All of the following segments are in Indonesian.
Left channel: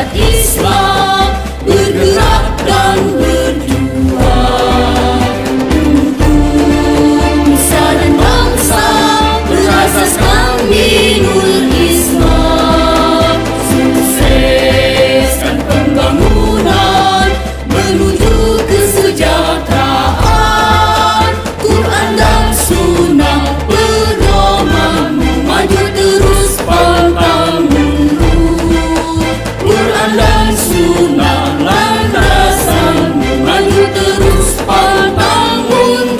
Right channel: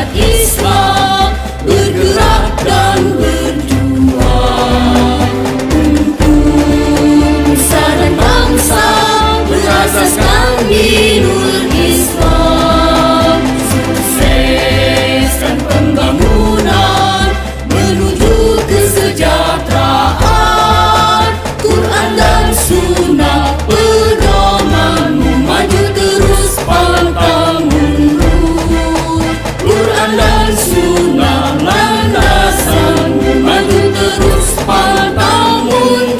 Syariat Islam bergerak dan berjuang untuk nusa dan bangsa berasaskan dinul Islam. Sukseskan pembangunan menuju kesejahteraan. Quran dan Sunnah pedomanmu, maju terus pantang mundur. Quran dan Sunnah landasanmu, maju terus pantang mundur.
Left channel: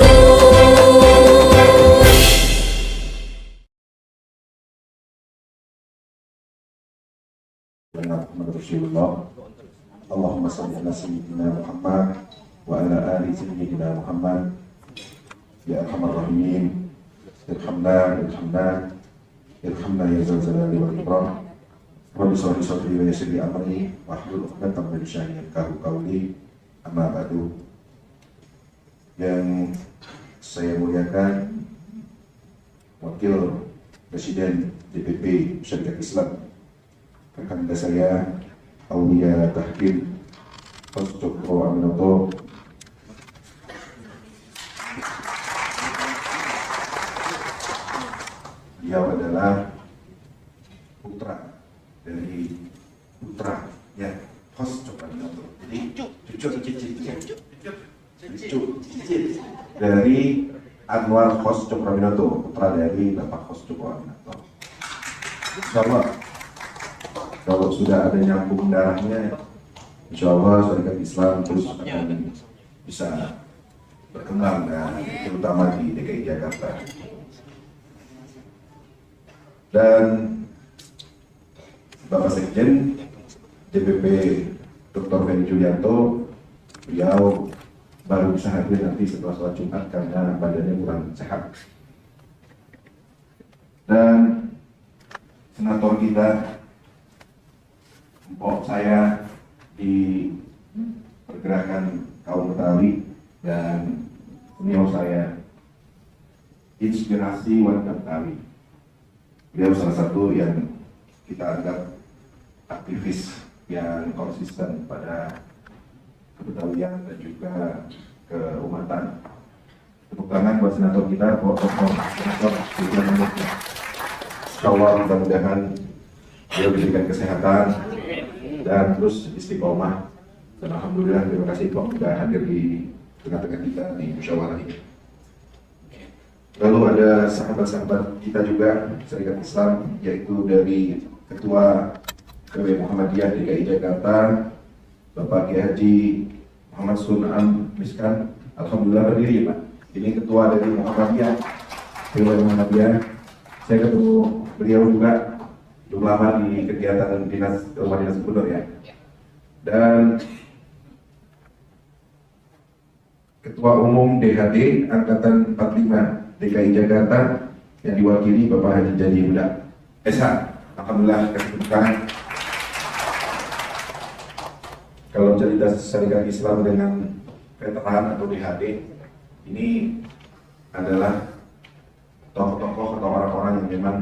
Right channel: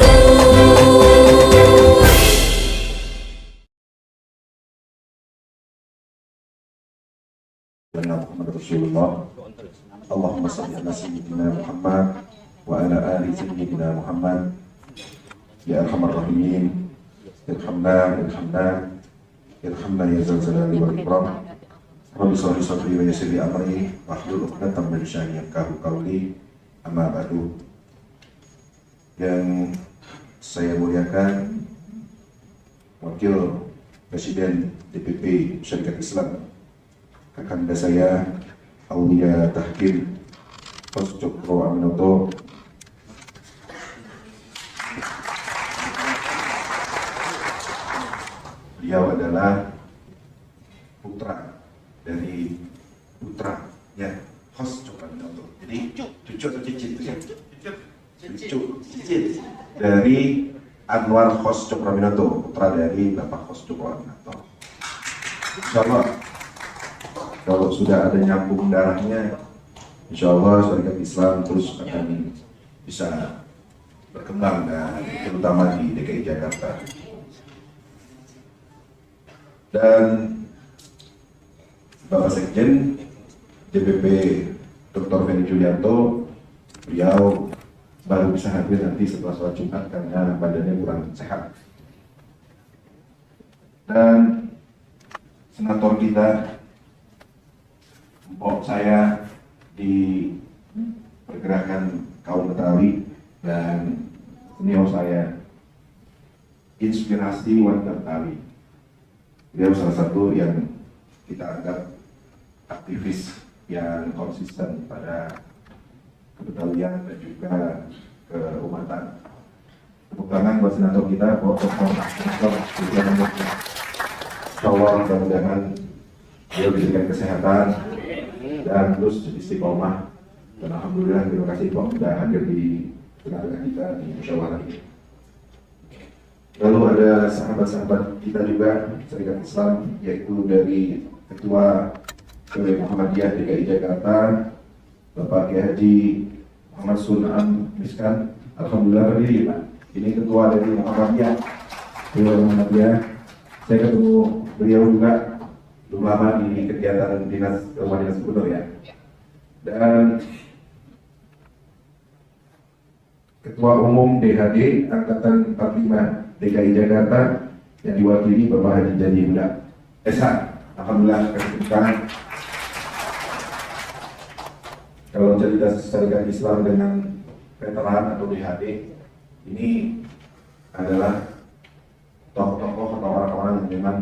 Rasulullah, Allahumma salli ala sayyidina Muhammad wa ala ali sayyidina Muhammad. Ya arhamar rahimin, irhamna ya zal jalali wal ikram. Rabbi shalli sadri wa yassir li amri wahlul 'uqdatam min lisani yafqahu qawli. Amma ba'du. Yang saya muliakan Wakil Presiden DPP Syariat Islam, rekan saya Aulia Tahkim Poscokro Aminoto, dia adalah putranya host Aminoto. Jadi cucu atau cicit dari Anwar host Aminoto, putra dari Bapak host Aminoto. Insyaallah kalau sudah ada nyambung darahnya, insya Allah Syariat Islam terus akan bisa berkembang, dan terutama di DKI Jakarta. Dan Bapak Sekjen DPP Dr. Heni Julianto, beliau baru bisa hadir nanti setelah sholat Jumat karena badannya kurang sehat. Dan Senator Dinda, saya di pergerakan kaum Betawi dan senior saya, inspirasi warga Betawi. Dia salah satu yang kita anggap aktivis yang konsisten pada kebetawian dan juga keumatan. Tepuk tangan buat senator kita, Allah mudah-mudahan dia berikan kesehatan dan terus istiqomah. Dan alhamdulillah terima kasih Pak sudah hadir di tengah-tengah kita di musyawarah ini. Lalu ada sahabat-sahabat kita juga Syariat Islam, yaitu dari Ketua KW Muhammadiyah DKI Jakarta, Bapak Kiai Haji Muhammad Sunan Miskan. Alhamdulillah berdiri Pak. Ini Ketua dari Muhammadiyah. Saya ketemu beliau juga lama di kegiatan dinas rumah dinas gubernur ya. Dan Ketua Umum DHD Angkatan 45 DKI Jakarta yang diwakili Bapak Haji Jadi Budak Esan. Alhamdulillah kita kalau cerita Syariat Islam dengan veteran atau DHD ini adalah tokoh-tokoh atau orang-orang yang memang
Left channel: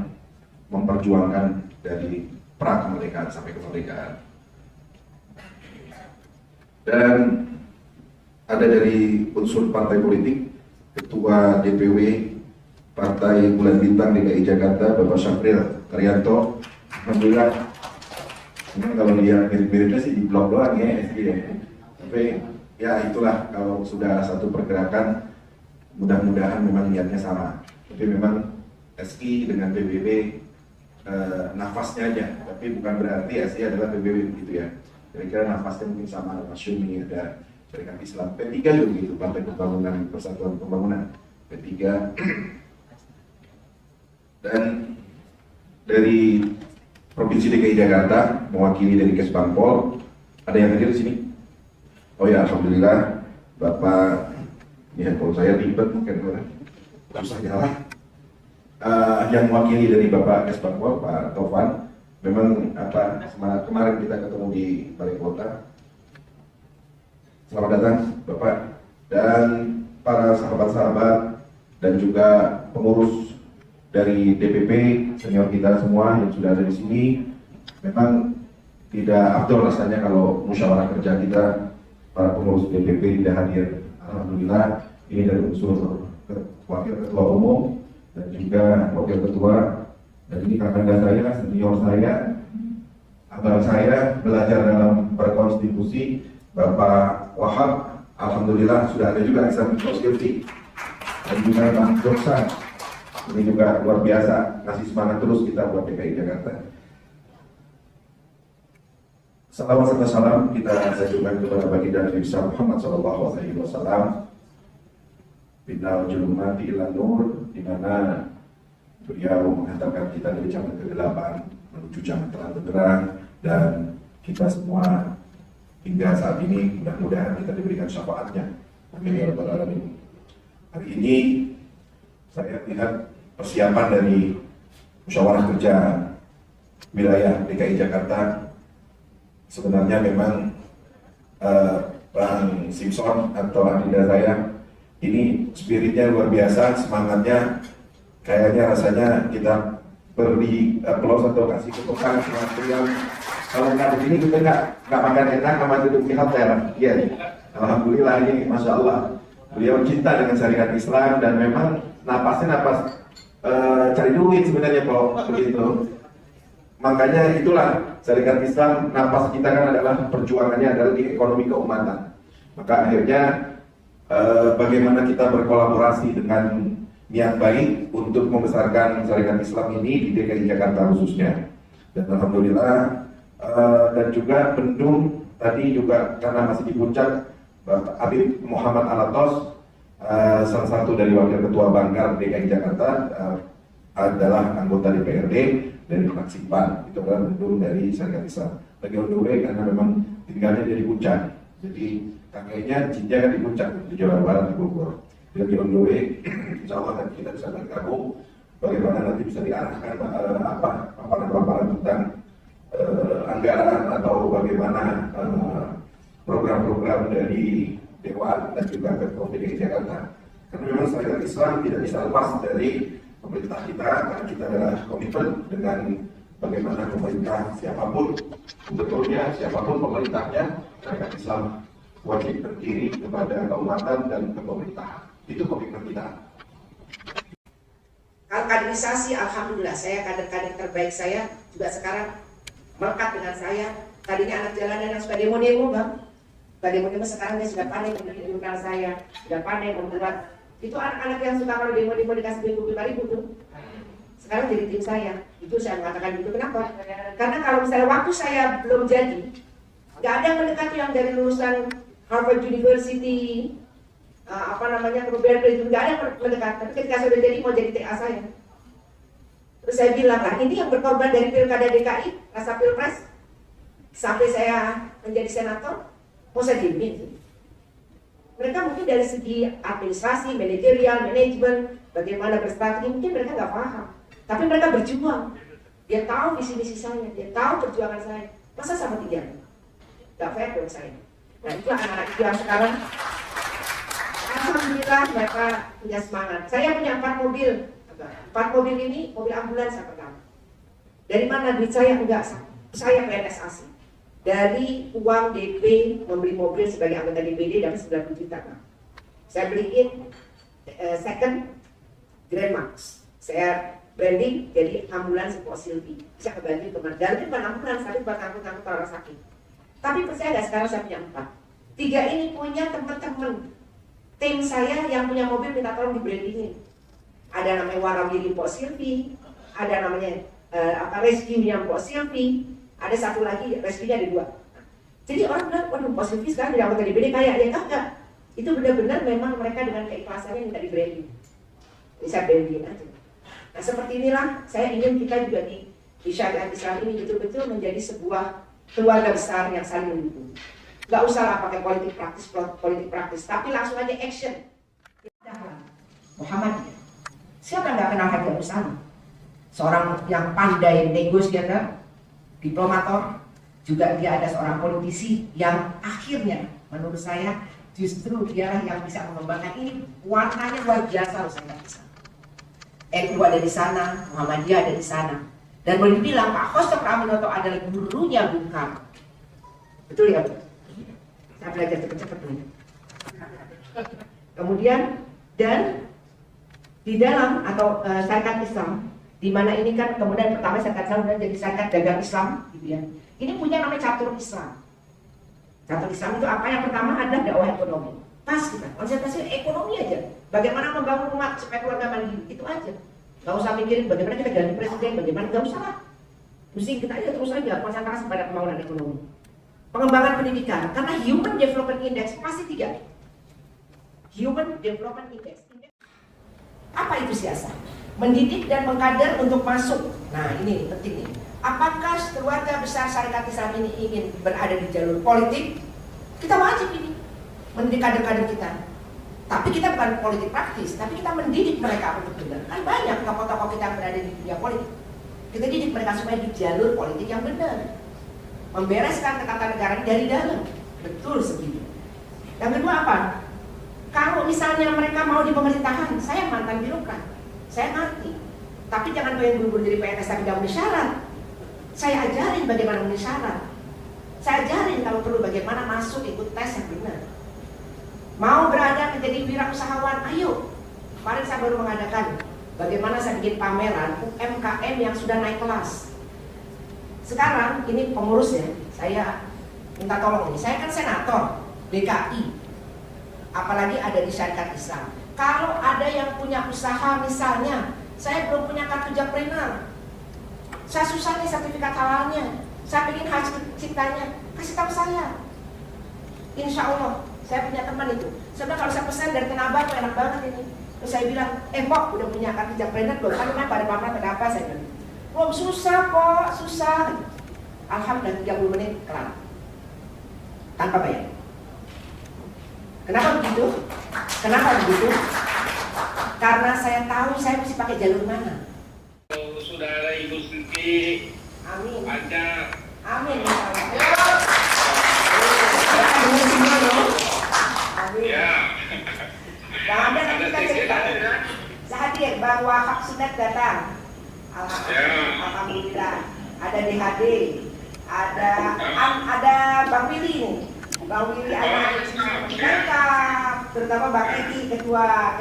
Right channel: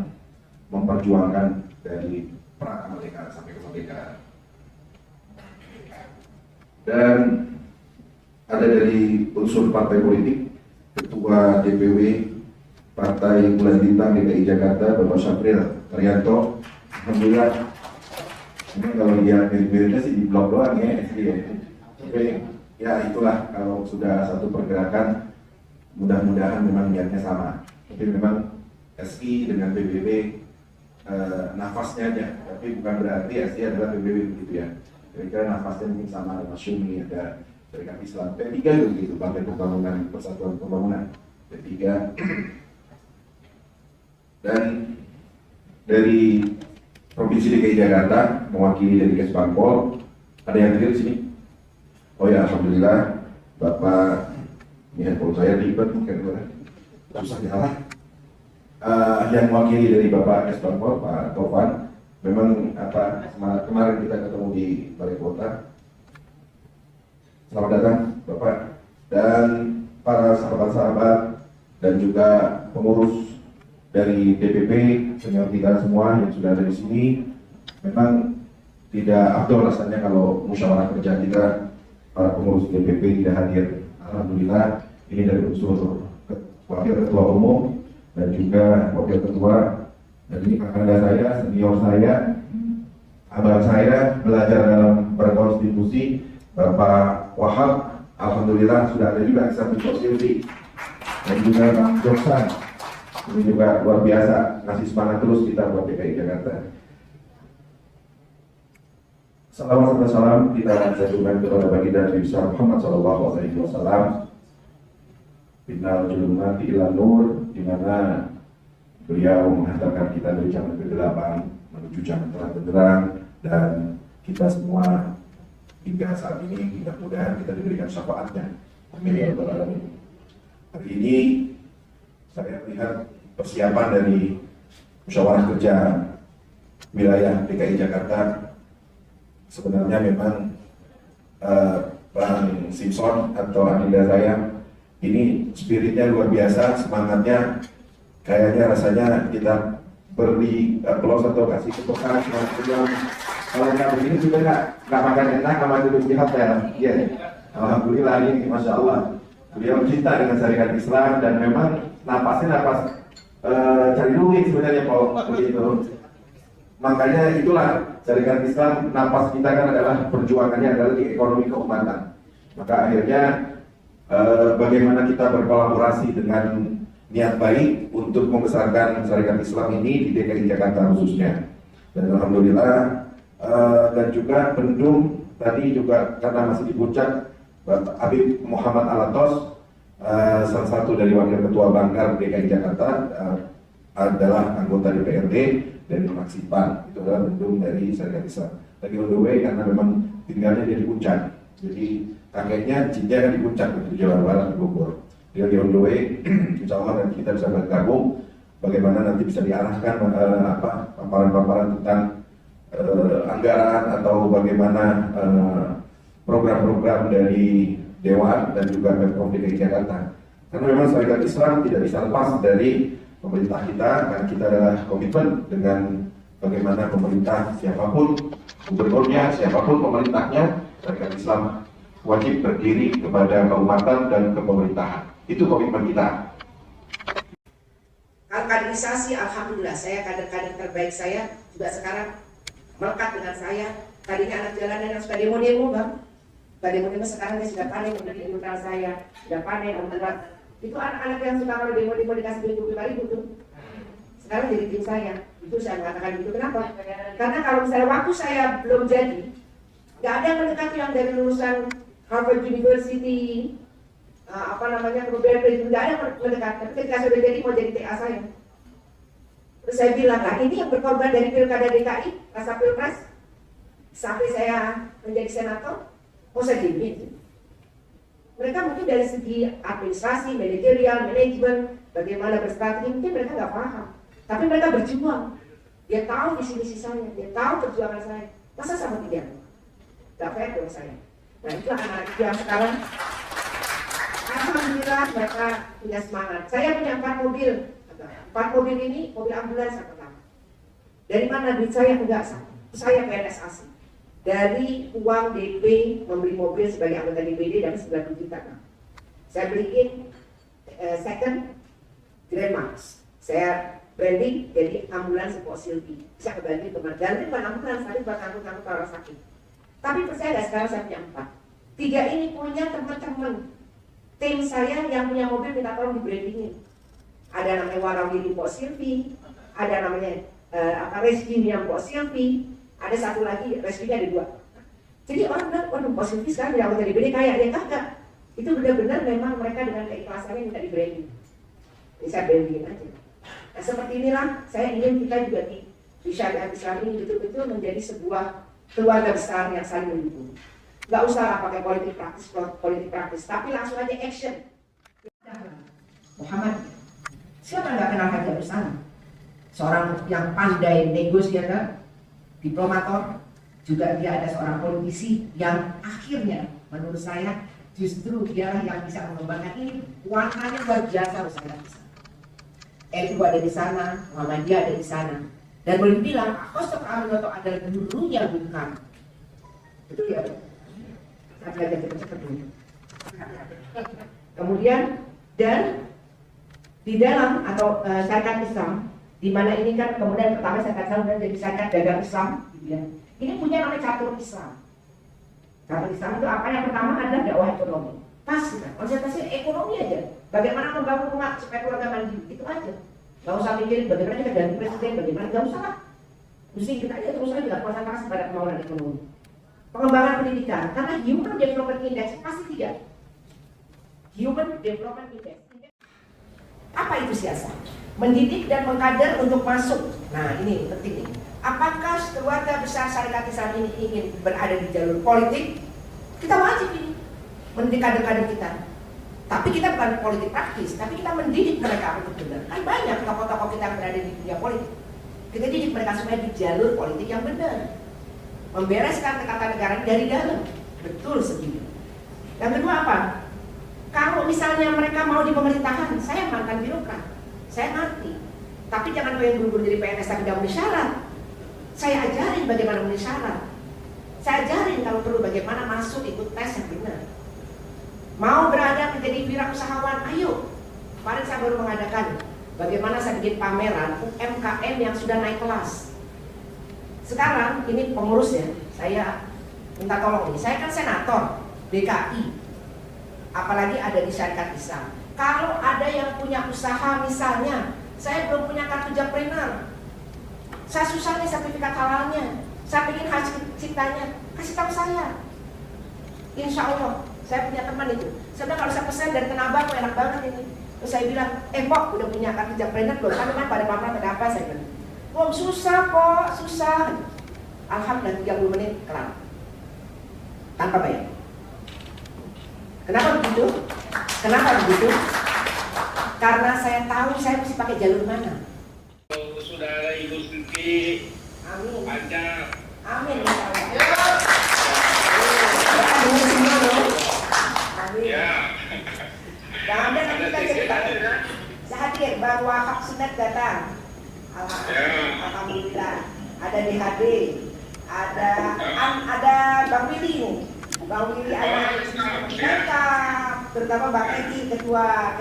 memperjuangkan dari pra kemerdekaan sampai kemerdekaan. Dan ada dari unsur partai politik, Ketua DPW Partai Bulan Bintang DKI Jakarta, Bapak Syafril Arianto. Alhamdulillah, kalau dia mirip-miripnya sih di blog-blog ya, tapi ya itulah, kalau sudah satu pergerakan, mudah-mudahan memang niatnya sama. Jadi memang SI dengan PBB nafasnya aja, tapi bukan berarti SI adalah PBB begitu ya. Kira-kira nafasnya mungkin sama, Masyumi dan Syariat Islam. P3 juga begitu, Partai Pembangunan Persatuan Pembangunan P3. Dan dari Provinsi DKI Jakarta, mewakili dari Kesbangpol, ada yang hadir di sini? Oh ya, alhamdulillah, Bapak, ini handphone saya ribet, karena susah jalan. Yang mewakili dari Bapak Kesbangpol, Pak Tovan, memang kemarin kita ketemu di Balai Kota. Selamat datang, Bapak, dan para sahabat-sahabat dan juga pengurus dari DPP, senior kita semua yang sudah ada di sini. Memang tidak afdol rasanya kalau musyawarah kerja kita para pengurus DPP tidak hadir. Alhamdulillah ini dari unsur wakil ketua umum dan juga wakil ketua, dan ini kakak saya, senior saya, abang saya belajar dalam berkonstitusi, Bapak Wahab. Alhamdulillah sudah ada juga eksekutif Silvi dan juga Pak Joksan. Ini juga luar biasa, ngasih semangat terus kita buat DKI Jakarta. Salawat serta salam kita aturkan kepada baginda Nabi Muhammad Sallallahu Alaihi Wasallam. Bintang Julumati ilan nur, di mana beliau menghantarkan kita dari jalan kegelapan menuju jalan terang benderang, dan kita semua hingga saat ini mudah-mudahan kita diberikan syafaatnya. Amin ya rabbal alamin. Hari ini saya lihat persiapan dari musyawarah kerja wilayah DKI Jakarta. Sebenarnya memang Pak Simpson atau adinda saya ini spiritnya luar biasa, semangatnya kayaknya rasanya kita beri pelos atau kasih ketukan yang kalau nggak begini kita nggak makan enak sama hidup di hotel. Iya, alhamdulillah ini masya Allah beliau cinta dengan syariat Islam dan memang napasnya napas cari duit sebenarnya Pak begitu. Makanya itulah syariat Islam, napas kita kan adalah perjuangannya adalah di ekonomi keumatan. Maka akhirnya bagaimana kita berkolaborasi dengan niat baik untuk membesarkan syariat Islam ini di DKI Jakarta khususnya. Dan alhamdulillah dan juga Bendung tadi juga karena masih di puncak, Habib Muhammad Alatos salah satu dari wakil ketua Bangkar DKI Jakarta adalah anggota DPRD dari fraksi PAN, itu adalah Bendung dari syariat Islam. Lagi on the way karena memang tinggalnya di puncak, jadi kakeknya cinta di puncak di Jawa Barat di Bogor. Dia on the way, insya Allah nanti kita bisa bergabung. Bagaimana nanti bisa diarahkan paparan-paparan tentang anggaran atau bagaimana program-program dari Dewan dan juga Pemprov DKI Jakarta. Karena memang syariat Islam tidak bisa lepas dari pemerintah kita, dan kita adalah komitmen dengan bagaimana pemerintah siapapun gubernurnya, siapapun pemerintahnya, syariat Islam wajib berdiri kepada keumatan dan kepemerintahan. Itu komitmen kita. Kaderisasi, alhamdulillah saya kader-kader terbaik saya juga sekarang melekat dengan saya. Tadinya anak jalanan yang suka demo-demo bang, suka demo-demo, sekarang dia sudah panik dari mental saya, dan panik membuat itu anak-anak yang suka kalau demo-demo dikasih 25.000 tuh. Sekarang jadi tim saya. Itu saya mengatakan itu kenapa? Karena kalau misalnya waktu saya belum jadi, nggak ada yang mendekati yang dari lulusan Harvard University, Berkeley itu nggak ada mendekati. Tapi ketika saya sudah jadi mau jadi TA saya. Terus saya bilang, ini yang berkorban dari pilkada DKI, masa pilpres, sampai saya menjadi senator, saya pimpin. Mereka mungkin dari segi administrasi, manajerial, manajemen, bagaimana berstrategi, mungkin mereka nggak paham. Tapi mereka berjuang. Dia tahu visi-misi saya, dia tahu perjuangan saya. Masa sama dia? Nggak fair dengan saya. Dan itu anak-anak yang sekarang, alhamdulillah mereka punya semangat. Saya punya 4 mobil. 4 mobil ini mobil ambulans yang pertama. Dari mana duit saya? Enggak, saya PNS. Dari uang DP membeli mobil sebagai anggota DPD dapat 9 juta. Saya beliin second Grand Max. Saya branding jadi ambulans Pak Silvi. Saya kembali ke Merdan, itu bukan ambulans, tapi buat angkut-angkut orang sakit. Tapi percaya nggak, sekarang saya punya 4. 3 ini punya teman-teman. Tim saya yang punya mobil minta tolong di brandingin. Ada namanya Warawiri Pak Silvi, ada namanya Reski yang Pak Silvi. Ada satu lagi, respinya ada 2. Jadi orang bilang, waduh positif sekarang yang anggota DPD kaya, ya enggak. Itu benar-benar memang mereka dengan keikhlasannya minta di-branding. Bisa branding aja. Nah seperti inilah, saya ingin kita juga di syariat Islam ini betul-betul menjadi sebuah keluarga besar yang saling mendukung. Gak usah lah pakai politik praktis, tapi langsung aja action. Muhammad, siapa nggak kenal Haidar Usama? Seorang yang pandai negosiator, diplomator, juga dia ada seorang politisi yang akhirnya menurut saya justru dia yang bisa mengembangkan ini. Warnanya luar biasa Ustaz. NU ada di sana, Muhammadiyah ada di sana. Dan boleh dibilang Pak Hosto Pranoto adalah gurunya Bung Karno. Betul ya Bu? Saya belajar cepat-cepat dulu. Kemudian dan di dalam atau syarikat Islam, di mana ini kan kemudian pertama syarikat Islam dan jadi syarikat dagang Islam, gitu ya. Ini punya nama catur Islam. Catur Islam itu apa? Yang pertama ada dakwah ekonomi. Pas kita, konsentrasi ekonomi aja. Bagaimana membangun umat supaya keluarga mandiri, itu aja. Gak usah mikirin bagaimana kita ganti presiden, bagaimana, gak usah lah. Musikin aja terus aja, konsentrasi pada pembangunan ekonomi. Pengembangan pendidikan, karena Human Development Index pasti 3. Human Development Index. Apa itu siasat? Mendidik dan mengkader untuk masuk. Nah ini penting nih. Apakah keluarga besar syarikat Islam ini ingin berada di jalur politik? Kita wajib ini mendidik kader-kader kita. Tapi kita bukan politik praktis, tapi kita mendidik mereka. Kan banyak tokoh-tokoh kita yang berada di dunia politik. Kita didik mereka supaya di jalur politik yang benar. Membereskan ketatanegaraan dari dalam. Betul segini. Yang kedua apa? Kalau misalnya mereka mau di pemerintahan, saya mantan birokrat, saya mati. Tapi jangan pengen menjadi PNS tapi tidak memenuhi syarat. Saya ajarin bagaimana memenuhi syarat. Saya ajarin kamu bagaimana masuk ikut tes yang benar. Mau berada menjadi wirausahawan, ayo. Kemarin saya baru mengadakan bagaimana saya bikin pameran MKM yang sudah naik kelas. Sekarang ini pengurus ya, saya minta tolong. Saya kan senator DKI, apalagi ada di syarikat Islam. Kalau ada yang punya usaha misalnya, saya belum punya kartu jackpreneur, saya susah nih sertifikat halalnya, saya ingin hasil ciptanya, kasih tahu saya. Insya Allah, saya punya teman itu. Sebenarnya kalau saya pesan dari Tenabang, enak banget ini. Terus saya bilang, kok udah punya kartu jackpreneur, belum sama, bagaimana, kenapa saya bilang. Susah kok, susah. Alhamdulillah 30 menit kelar. Tanpa bayar. Kenapa? Kenapa begitu? Karena saya tahu saya mesti pakai jalur mana. Saudara Ibu Siti, Amin. ada. Amin. Amin semua loh. Amin. Ya. Gak ada nanti kita cerita. Saya hadir, Bang Wahab Sunat datang. Alhamdulillah. Ada DHD, ada Bang Willy nih. Bang Willy ada lengkap, terutama Bang Edi ketua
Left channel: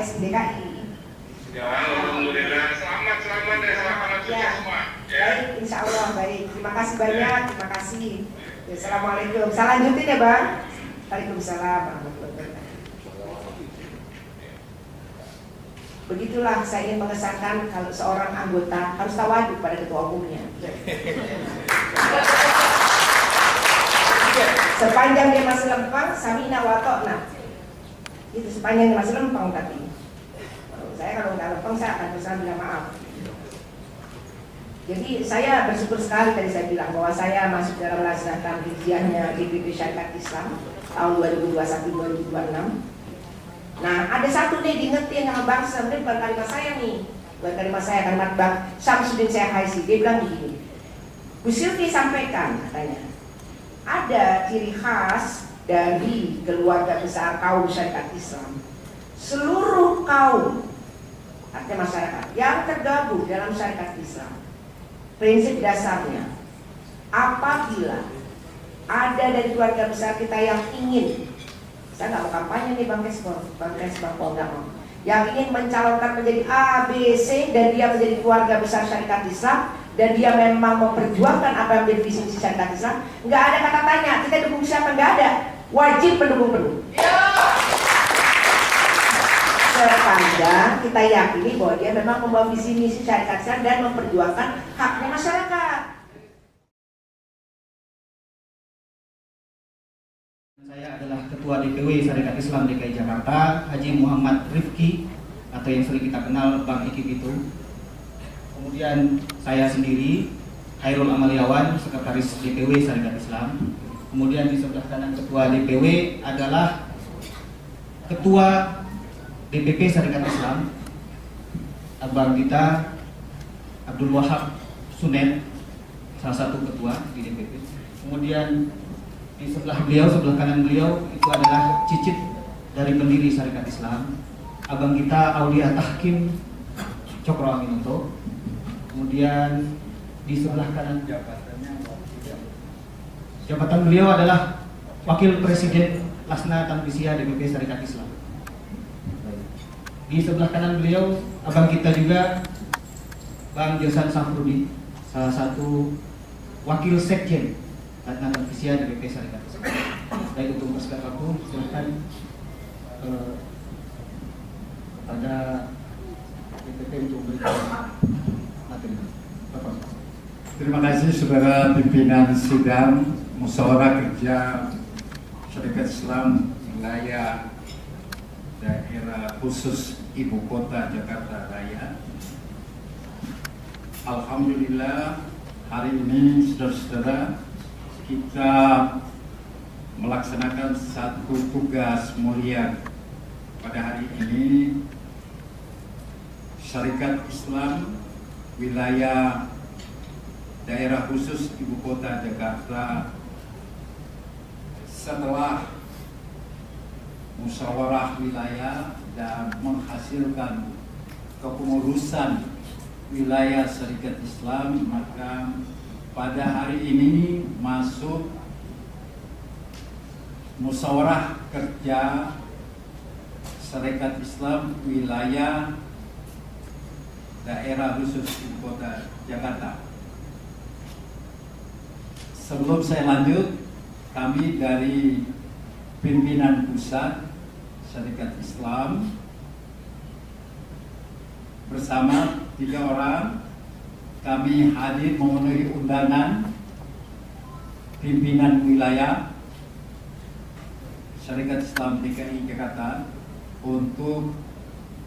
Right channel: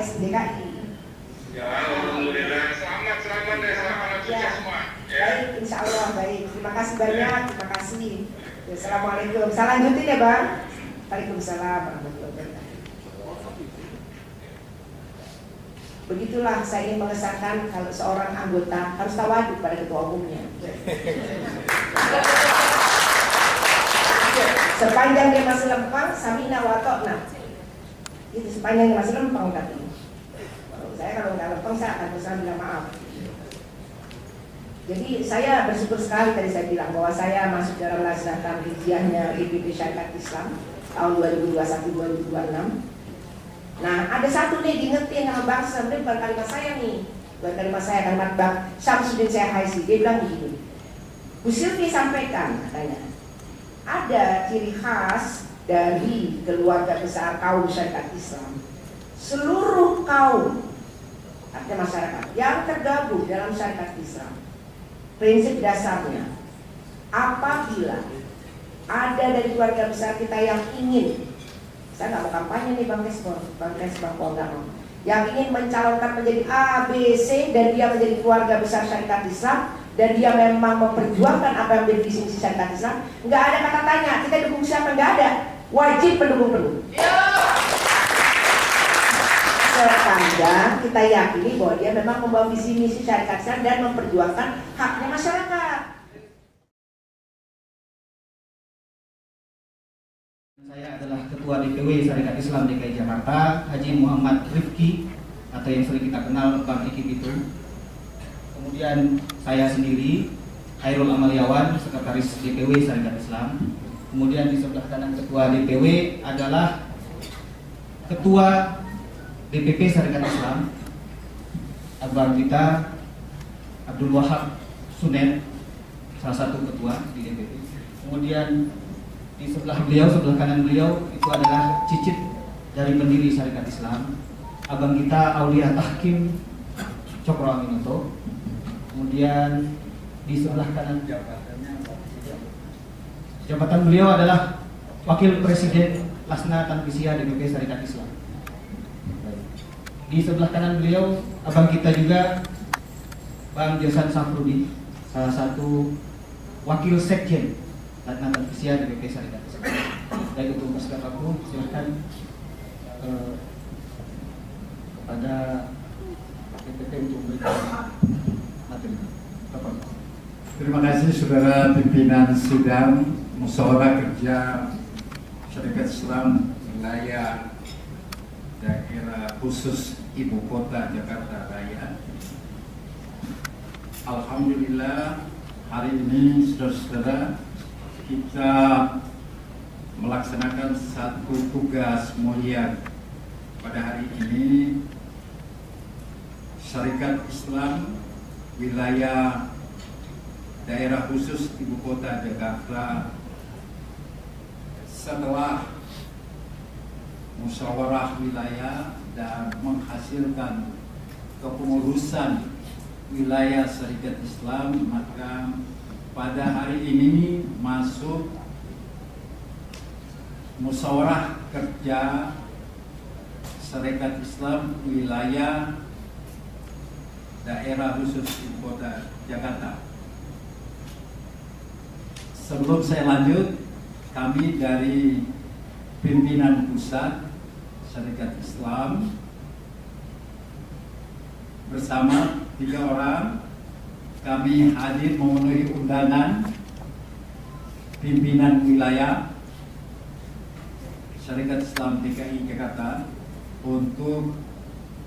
SDKI. Ya, alhamdulillah. Selamat deh, selamat sukses semua. Baik, insya Allah baik. Terima kasih banyak, terima kasih. Ya, Assalamualaikum. Saya lanjutin ya Bang. Waalaikumsalam warahmatullahi wabarakatuh. Begitulah saya ingin mengesankan kalau seorang anggota harus tawaduk pada ketua umumnya. Sepanjang dia masih lempeng, samina wa ta'na. Itu sepanjang dia masih lempeng tadi. Kalau nggak lempeng saya akan berusaha bilang maaf. Jadi saya bersyukur sekali tadi saya bilang bahwa saya masuk dalam laksanakan hijrahnya DPP Syarikat Islam tahun 2021-2026. Nah, ada satu nih diingetin sama bangsa, ini bukan kalimat saya nih, bukan kalimat saya, kalimat Bang Syamsuddin Syekhaisi. Dia bilang begini, Bu Sylvi sampaikan katanya, ada ciri khas dari keluarga besar kaum syarikat Islam. Seluruh kaum, artinya masyarakat yang tergabung dalam syarikat Islam, prinsip dasarnya, apabila ada dari keluarga besar kita yang ingin, saya nggak mau kampanye nih Bang Kesbor, enggak mau. Yang ingin mencalonkan menjadi A, B, C dan dia menjadi keluarga besar syarikat Islam dan dia memang memperjuangkan apa yang menjadi visi misi syarikat Islam, nggak ada kata tanya kita dukung siapa, nggak ada, wajib pendukung penuh. Sepanjang kita yakini bahwa dia memang membawa visi misi syarikat Islam dan memperjuangkan haknya masyarakat. Saya adalah Ketua DPW Syarikat Islam DKI Jakarta, Haji Muhammad Rifki, atau yang sering kita kenal Bang Iki kita. Kemudian saya sendiri, Khairul Amaliawan, Sekretaris DPW Syarikat Islam. Kemudian di sebelah kanan Ketua DPW adalah Ketua DPP Syarikat Islam, Abang kita Abdul Wahab Sunet, salah satu ketua di DPP. Kemudian sebelah beliau, sebelah kanan beliau itu adalah cicit dari pendiri Syarikat Islam, abang kita Aulia Tahkim Cokro Amiloto. Kemudian di sebelah kanan jabatan beliau adalah Wakil Presiden Lasna Tambisia DPP Sarekat Islam. Di sebelah kanan beliau abang kita juga Bang Jasan Safrudin, salah satu Wakil Sekjen Lasna Tambisia DPP Sarekat Islam. Yang untuk pasukan aku silakan ada Terima kasih saudara pimpinan sidang musyawarah kerja Syarikat Islam wilayah daerah khusus Ibu Kota Jakarta Raya. Alhamdulillah hari ini saudara-saudara kita melaksanakan satu tugas mulia. Pada hari ini Syarikat Islam wilayah daerah khusus Ibu Kota Jakarta setelah musyawarah wilayah dan menghasilkan kepengurusan wilayah Syarikat Islam, maka pada hari ini masuk musyawarah kerja Syarikat Islam wilayah daerah khusus Ibu Kota Jakarta. Sebelum saya lanjut, kami dari pimpinan pusat Syarikat Islam bersama 3 orang kami hadir memenuhi undangan pimpinan wilayah Syarikat Islam DKI Jakarta untuk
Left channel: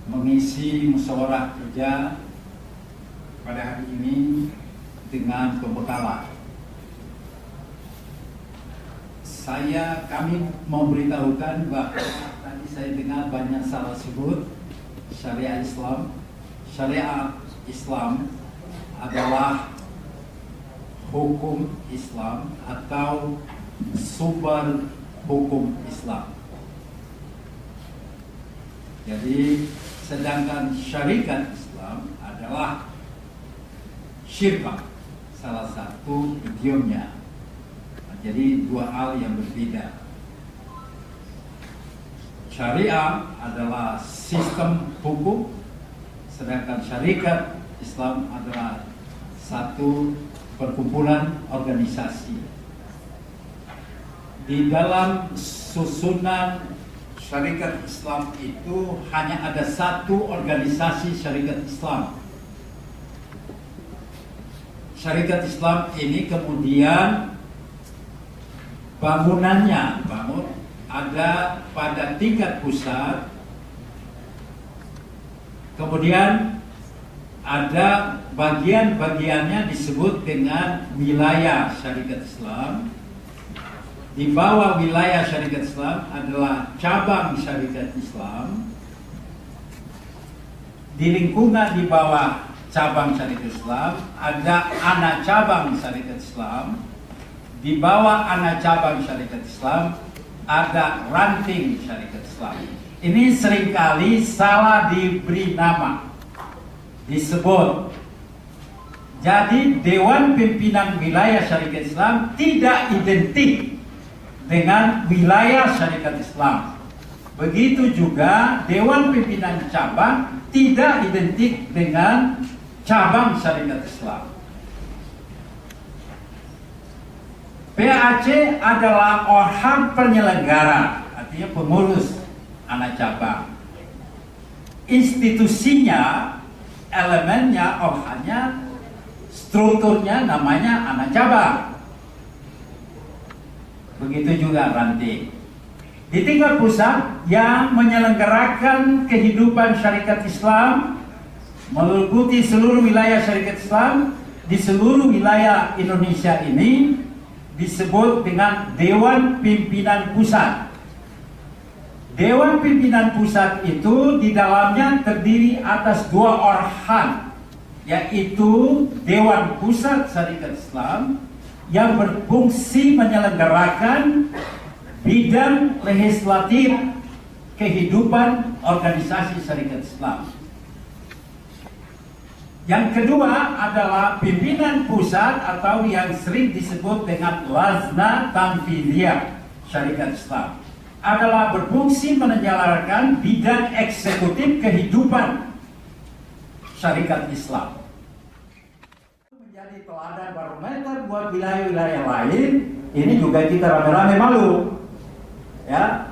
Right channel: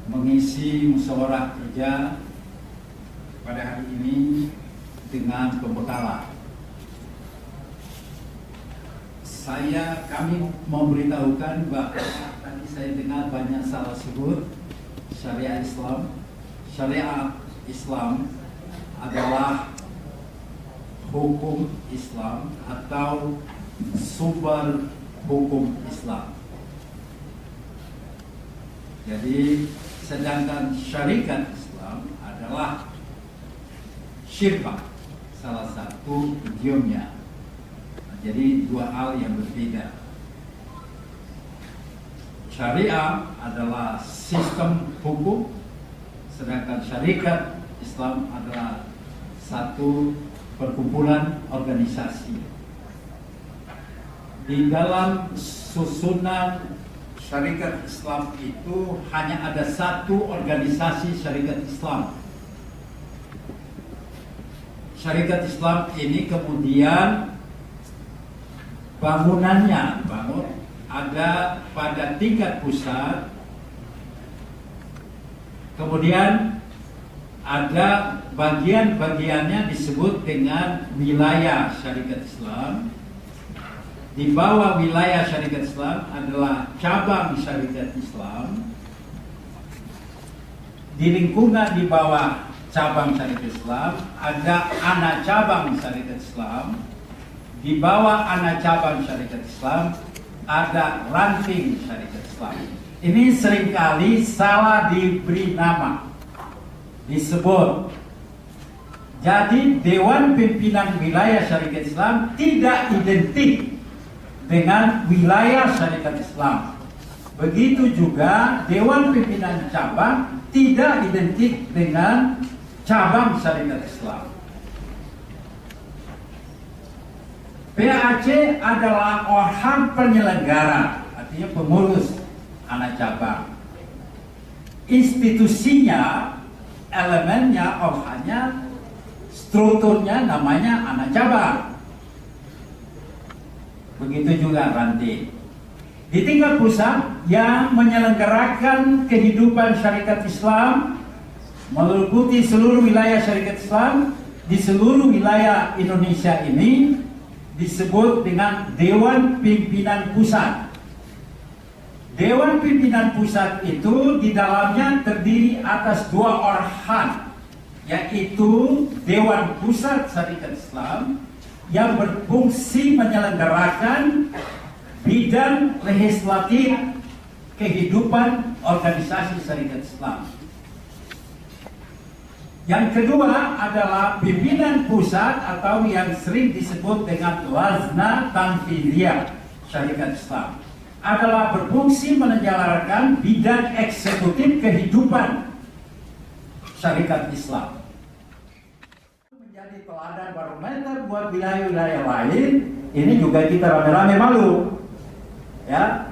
mengisi musyawarah kerja pada hari ini dengan pembekalan. Kami memberitahukan bahwa tadi saya dengar banyak salah sebut syariat Islam. Syariat Islam adalah hukum Islam atau sumber hukum Islam. Jadi sedangkan syarikat Islam adalah syirah, salah satu pegiatnya. Jadi 2 hal yang berbeda. Syariah adalah sistem hukum, sedangkan syarikat Islam adalah satu perkumpulan organisasi. Di dalam susunan syarikat Islam itu hanya ada satu organisasi syarikat Islam. Syarikat Islam ini kemudian bangunannya ada pada tingkat pusat, kemudian ada bagian-bagiannya disebut dengan wilayah syarikat Islam. Di bawah wilayah syarikat Islam adalah cabang syarikat Islam. Di lingkungan di bawah cabang syarikat Islam ada anak cabang syarikat Islam. Di bawah anak cabang syarikat Islam ada ranting syarikat Islam. Ini seringkali salah diberi nama, disebut. Jadi Dewan Pimpinan Wilayah Syarikat Islam tidak identik dengan wilayah syarikat Islam. Begitu juga Dewan Pimpinan Cabang tidak identik dengan cabang syarikat Islam. PAC adalah orang penyelenggara, artinya pengurus anak cabang. Institusinya, elemennya, orangnya, strukturnya namanya anak cabang. Begitu juga ranting. Di tingkat pusat yang menyelenggarakan kehidupan syarikat Islam meliputi seluruh wilayah syarikat Islam di seluruh wilayah Indonesia ini disebut dengan Dewan Pimpinan Pusat. Dewan Pimpinan Pusat itu di dalamnya terdiri atas 2 organ, yaitu Dewan Pusat Syarikat Islam yang berfungsi menyelenggarakan bidang legislatif kehidupan organisasi syarikat Islam. Yang kedua adalah pimpinan pusat atau yang sering disebut dengan Lajnah Tanfidhiyah Syarikat Islam adalah berfungsi menyelenggarakan bidang eksekutif kehidupan syarikat Islam. Menjadi teladan barometer buat wilayah-wilayah lain, ini juga kita rame-rame malu. Ya,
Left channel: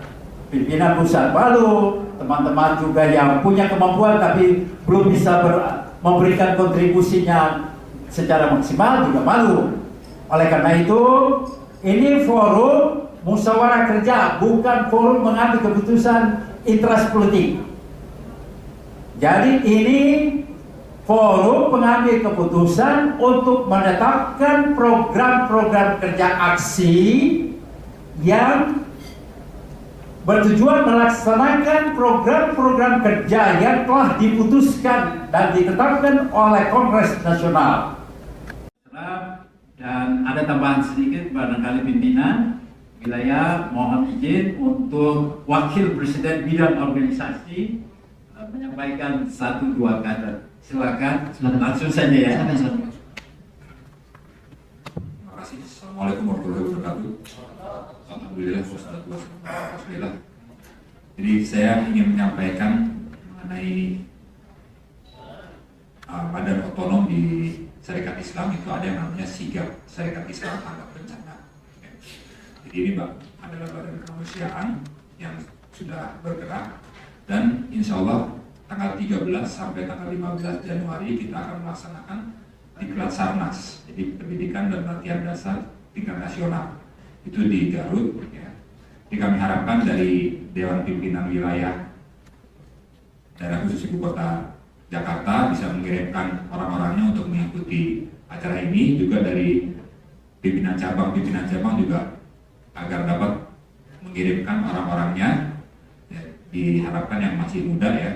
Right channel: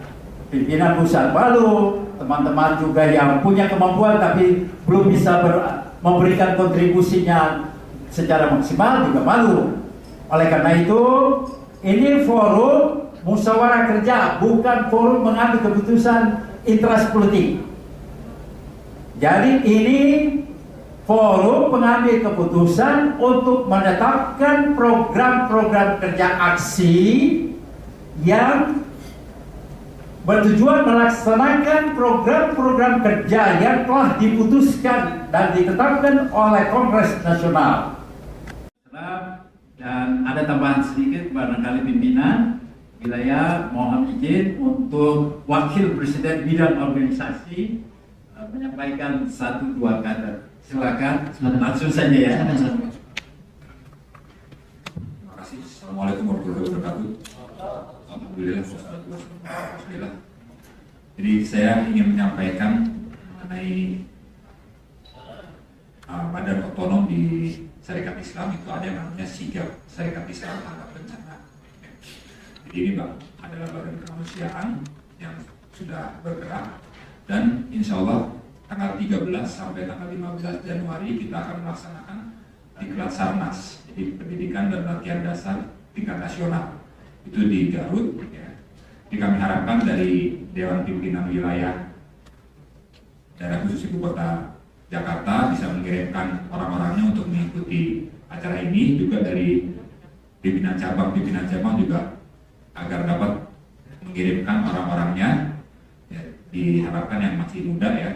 pimpinan pusat malu, teman-teman juga yang punya kemampuan tapi belum bisa memberikan kontribusinya secara maksimal juga malu. Oleh karena itu, ini forum musyawarah kerja, bukan forum mengambil keputusan interest politik. Jadi ini forum mengambil keputusan untuk menetapkan program-program kerja aksi yang bertujuan melaksanakan program-program kerja yang telah diputuskan dan ditetapkan oleh Kongres Nasional. Dan ada tambahan sedikit barangkali pimpinan wilayah mohon izin untuk wakil presiden bidang organisasi menyampaikan 1-2 kata. Silakan, langsung saja ya. Terima kasih. Assalamualaikum warahmatullahi wabarakatuh. Alhamdulillah wassalatu wassalamu ala Rasulillah. Jadi saya ingin menyampaikan dari badan otonom di Syarikat Islam itu ada yang namanya SIGAP, Syarikat Islam Tangkap Bencana. Jadi ini Pak adalah badan kemanusiaan yang sudah bergerak dan insya Allah tanggal 13 sampai tanggal 15 Januari kita akan melaksanakan Diklat Sarnas, jadi pendidikan dan latihan dasar tingkat nasional itu di Garut. Ya. Jadi kami harapkan dari Dewan Pimpinan Wilayah Daerah Khusus Ibu Kota Jakarta bisa mengirimkan orang-orangnya untuk mengikuti acara ini, juga dari pimpinan cabang juga agar dapat mengirimkan orang-orangnya. Ya, diharapkan yang masih muda ya,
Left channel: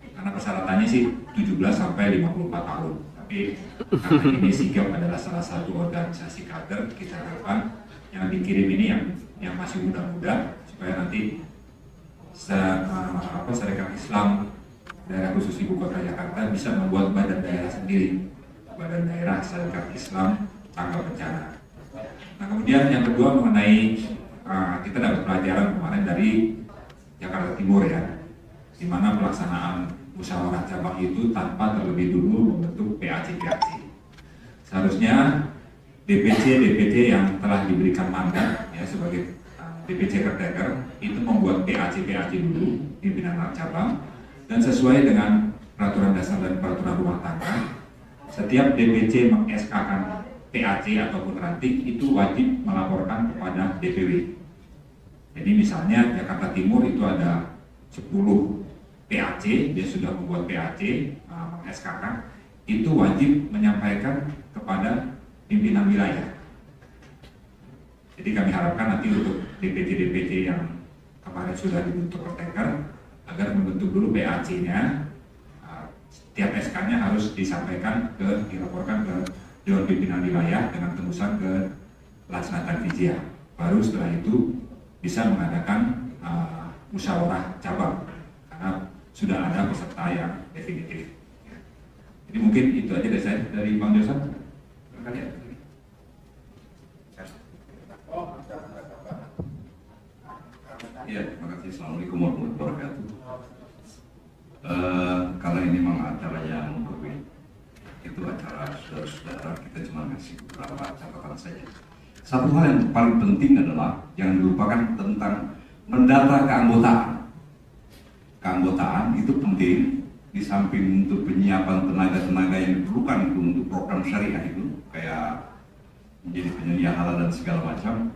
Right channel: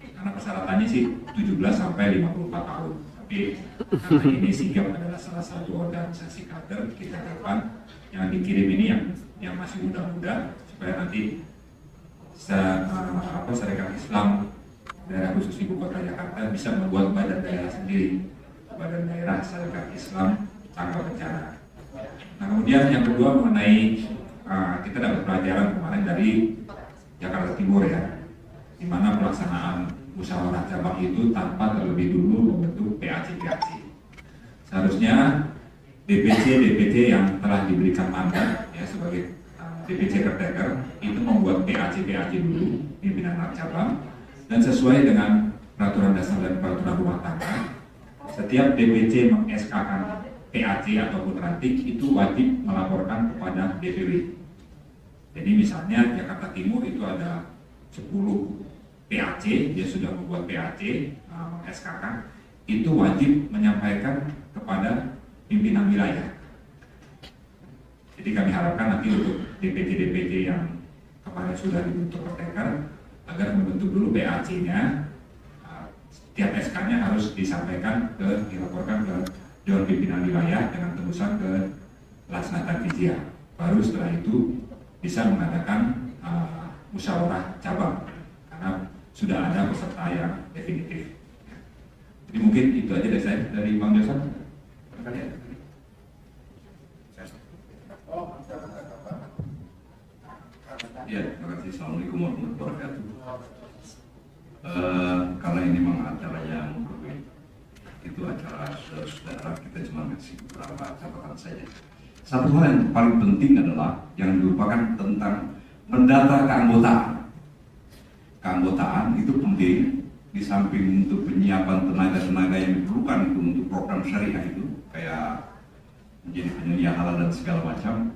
karena persyaratannya sih 17 sampai 54 tahun. Tapi karena ini SIGAP adalah salah satu organisasi kader, kita harapkan yang dikirim ini yang masih muda-muda supaya nanti Syarikat Islam Daerah Khusus Ibu Kota Jakarta bisa membuat badan daerah sendiri, badan daerah Syarikat Islam Tangkap Bencana. Nah, kemudian yang kedua mengenai kita dapat pelajaran kemarin dari Jakarta Timur ya, di mana pelaksanaan musyawarah cabang itu tanpa terlebih dulu membentuk PAC. Seharusnya DPC yang telah diberikan mandat ya sebagai DPC retender itu membuat PAC dulu pimpinan cabang, dan sesuai dengan peraturan dasar dan peraturan rumah tangga, setiap DPC meng-SK-kan PAC ataupun ranting itu wajib melaporkan kepada DPW. Jadi misalnya Jakarta Timur itu ada 10 PAC, dia sudah membuat PAC, SKK, itu wajib menyampaikan kepada pimpinan wilayah. Jadi kami harapkan nanti untuk DPC yang kemarin sudah dibentuk retender, agar membentuk dulu PAC-nya, setiap SK-nya harus disampaikan dilaporkan ke Dewan Pimpinan Wilayah dengan tembusan ke Lajnah Tanfidhiyah. Baru setelah itu bisa mengadakan musyawarah cabang karena sudah ada peserta yang definitif. Jadi mungkin itu aja dari saya, dari Pak Josan. Ya, terima kasih. Assalamualaikum warahmatullahi wabarakatuh. Kalau ini memang acara yang itu acara saudara-saudara, kita cuma masih beberapa catatan saja. Satu hal yang paling penting adalah yang dilupakan tentang mendata keanggotaan. Keanggotaan itu penting, di samping untuk penyiapan tenaga yang diperlukan itu untuk program syariah itu kayak menjadi penyedia halal dan segala macam,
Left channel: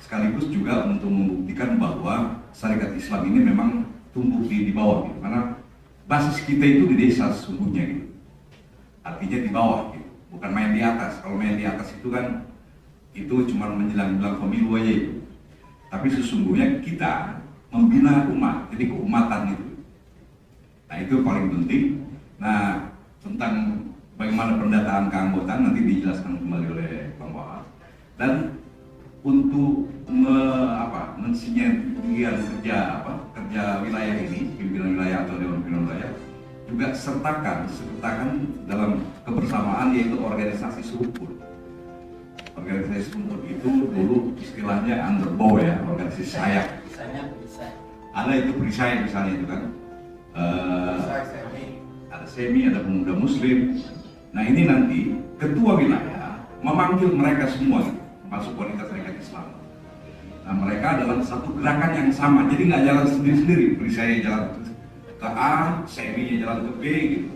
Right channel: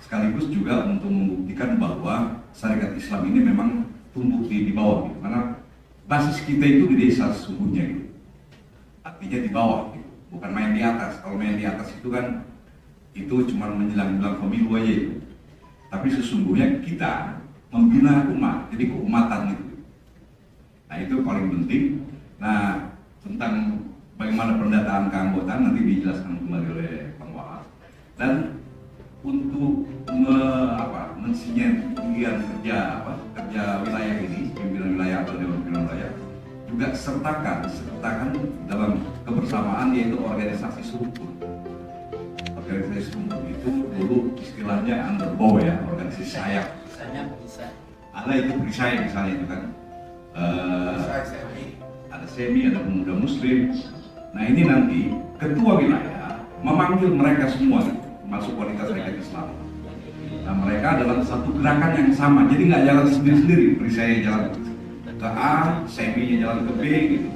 sekaligus juga untuk membuktikan bahwa Syarikat Islam ini memang tumbuh di bawah gitu. Karena basis kita itu di desa sesungguhnya gitu. Artinya di bawah gitu. Bukan main di atas. Kalau main di atas itu kan itu cuma menjelang pemilu aja gitu. Tapi sesungguhnya kita membina umat, jadi keumatan itu. Nah itu paling penting. Nah tentang bagaimana pendataan keanggotaan nanti dijelaskan kembali oleh Bang Wahab. Dan untuk mensinergikan kerja wilayah ini, pimpinan wilayah atau dewan pimpinan wilayah, juga sertakan dalam kebersamaan, yaitu organisasi struktur. Organisasi struktur itu dulu istilahnya underbow ya, organisasi sayap. Ada itu perisai misalnya gitu kan. Ada semi, ada pemuda muslim. Nah ini nanti ketua wilayah memanggil mereka semua, termasuk wanita serikat Islam. Nah mereka dalam satu gerakan yang sama, jadi nggak jalan sendiri-sendiri. Perisai jalan ke A, semi jalan ke B gitu.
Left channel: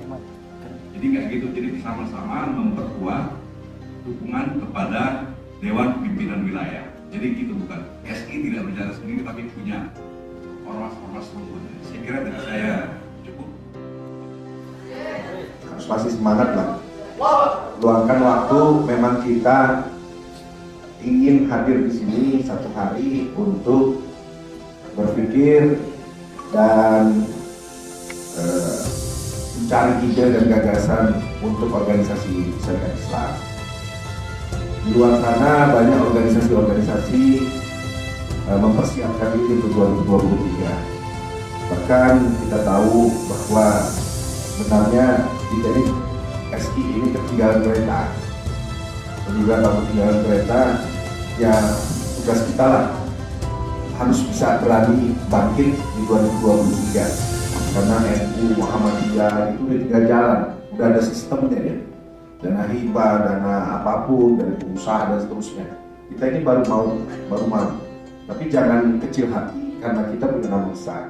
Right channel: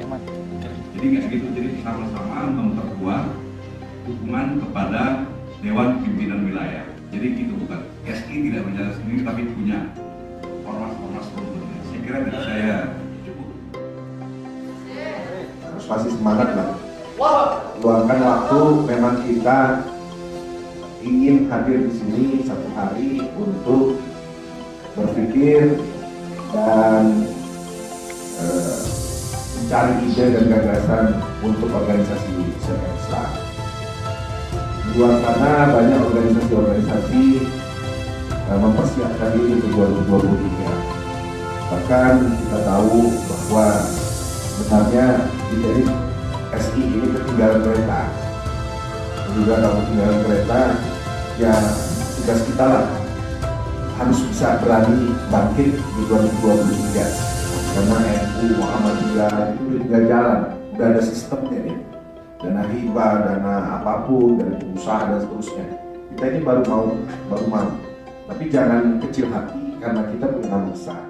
Jadi kayak gitu, jadi sama-sama memperkuat dukungan kepada Dewan Pimpinan Wilayah. Jadi gitu, bukan SI tidak berjalan sendiri tapi punya ormas-ormas strukturnya. Saya kira dari saya cukup. Masih semangat ya. Luangkan waktu, memang kita ingin hadir di sini satu hari untuk berpikir dan mencari ide dan gagasan untuk organisasi serikat Islam. Di luar sana banyak organisasi-organisasi mempersiapkan diri untuk 2023. Bahkan kita tahu bahwa sebenarnya jadi SI ini ketinggalan kereta. Jika kalau ketinggalan kereta, ya tugas kita lah harus bisa berani bangkit di 2023. Karena NU Muhammadiyah itu udah 3 jalan, udah ada sistemnya ya. Dana hibah, dana apapun, dari usaha dan seterusnya. Kita ini baru mau maju. Tapi jangan kecil hati, karena kita punya nama besar.